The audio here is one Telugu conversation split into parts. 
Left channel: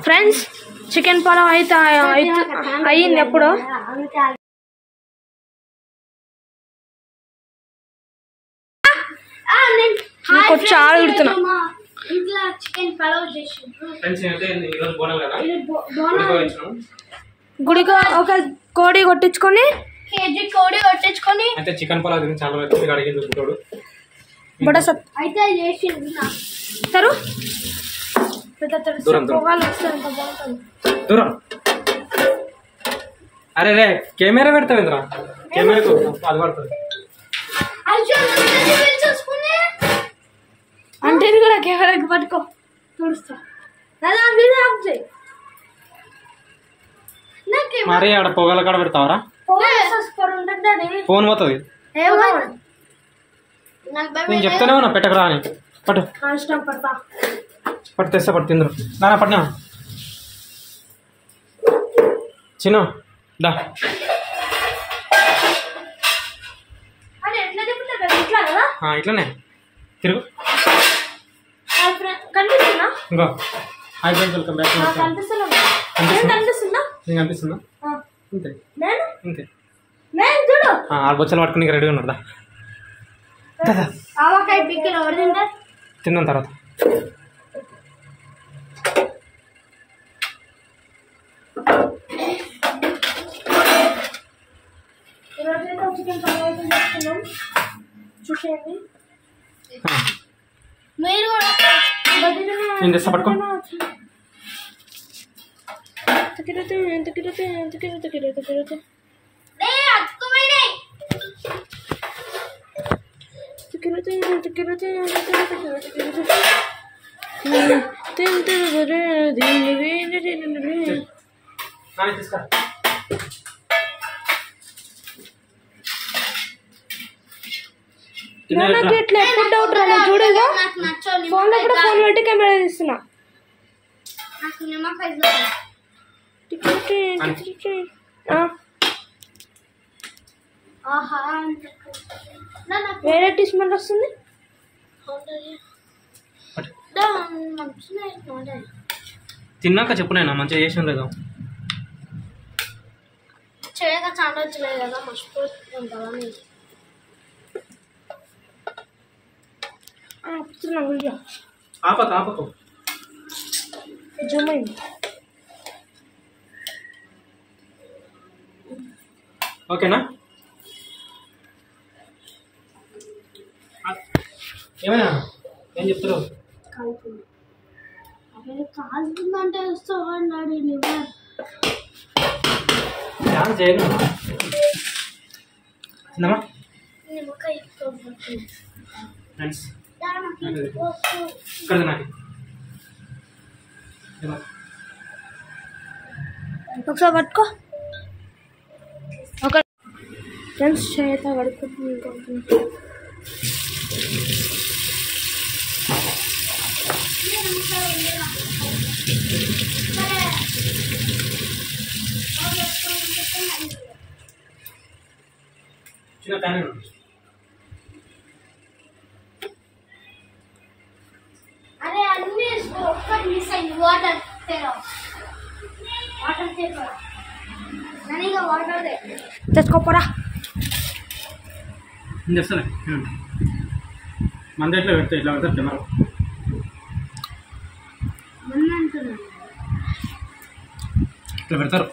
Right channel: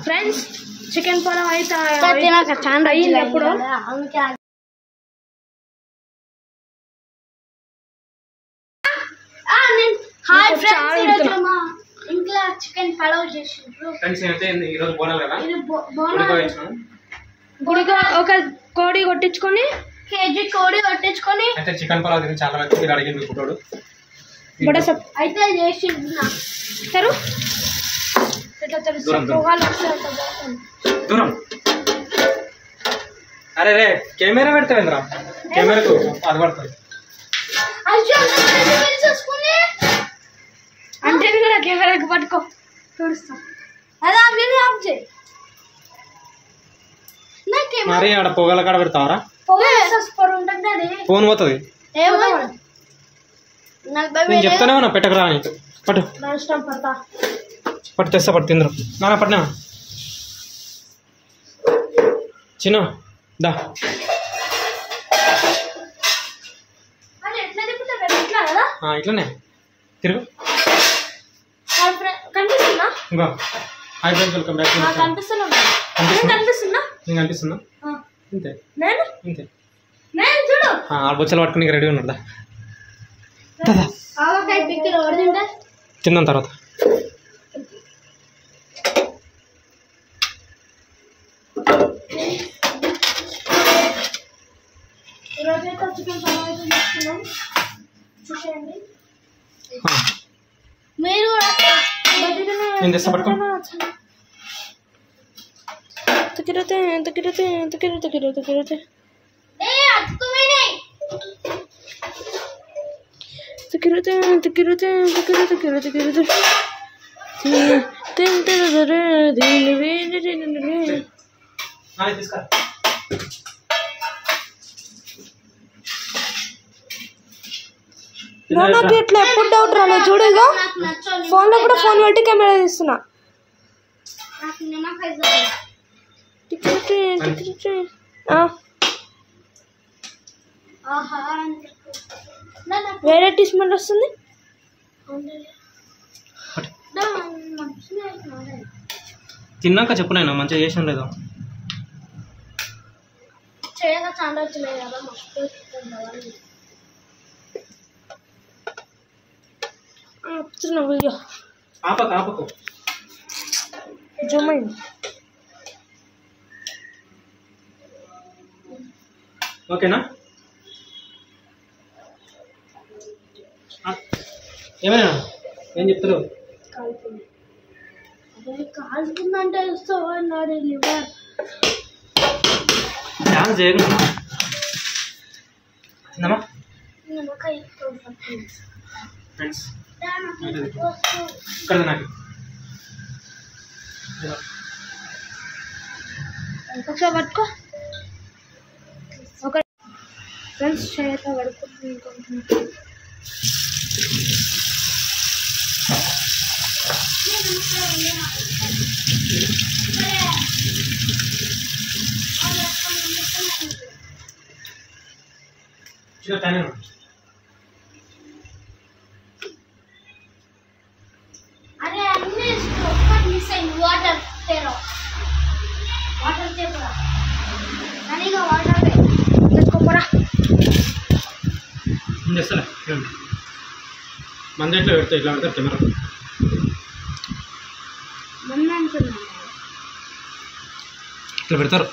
ఫ్రెండ్స్ చికెన్ పలావ్ అయితే అయ్యింది ఎప్పుడు చాలా ఉడుతున్నా ఇంట్లో చికెన్ పలావ్ చేసిండ్రు గుడికి ఒక కోడి కొట్టించుకొని కేజీ కోడి కొట్టించుకొని అయితే చికెన్ పలావ్ తిని చాలా మంది అడిగింది గుడ్డోడు అయితే చేసిండ్రు తరు దూరం అరే రే కెమెరా పెడతావేంద్రా కెమెరాకు అది పడుతుంది అంటే కూడా కెమెరాకి పట్టుకో చూస్తా అలా ఆఫ్ చేయి మరి ఆడ పొగల కాడ పెడతావరా ఫోన్ పోతుంది నేను చెప్తానే ఉన్నా పెట్టకరా అని పట్టు పట్టు తెస్తా పట్టు తిందరు నానా పట్టినా చిన్న దా ఇట్లానే తిరుగు ఇంకో హాయ్ ఫ్రెండ్స్ వెల్కమ్ బ్యాక్ కనిపిస్తున్నా నీకు అనిపిస్తుందా ఇంతే ఇంతే చూడు ఆడ బొచ్చలు పట్టుకుని రెడీ ఉన్నాడు దా తిందాం తర్వాత చికెన్ పలావ్ చేస్తున్నాం చూసేయండి మీరు కూడా నేను తెస్తా పట్టుకో నాకు ఇట్లా ఎప్పుడు డౌట్ రాలేదు చూడగా ఫోన్ లో కూడా ఫోన్ పెట్టి కెమెరా తీస్తున్నా వేరే స్మెల్ వస్తుంది తిన్నాక చెప్పు నేను మంచిగా చేసాను లేదా చేయగా చాలా వచ్చినాయి కదా మర్చిపోతుంటావా వీడియో ఆపకు జూమ్ అయింది ఓకేనా ఏమైనా ఏం చెప్తారు కాల్తుందంటే వస్తాడు లివర్ డాన్స్ చేయను చిన్నమా నిమ్మకాయ ఫ్రెండ్స్ ఇక్కడ నాకు ఒకసారి పట్టుకో ఒక ఫ్రెండ్స్ చేత పడుకుంటుంది చిన్న టైం అరే అన్ని ఒక్కటి మిస్ అయింది వాటర్ తేరా వాటర్ తేరా అనిగా వాటర్ తే తెచ్చుకోపోరా చేస్తానే మంది ఎట్లా పెడితే ఎట్లా పెడతారు కెమెరా మొన్న అంటున్నాను ఇట్లా పెడతారు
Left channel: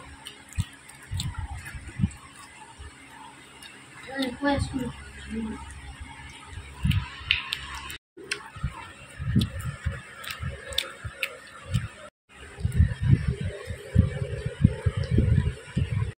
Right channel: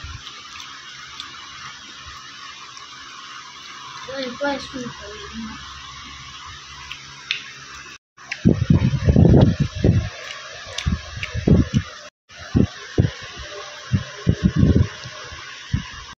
ఎక్కువ వేసుకుంటాను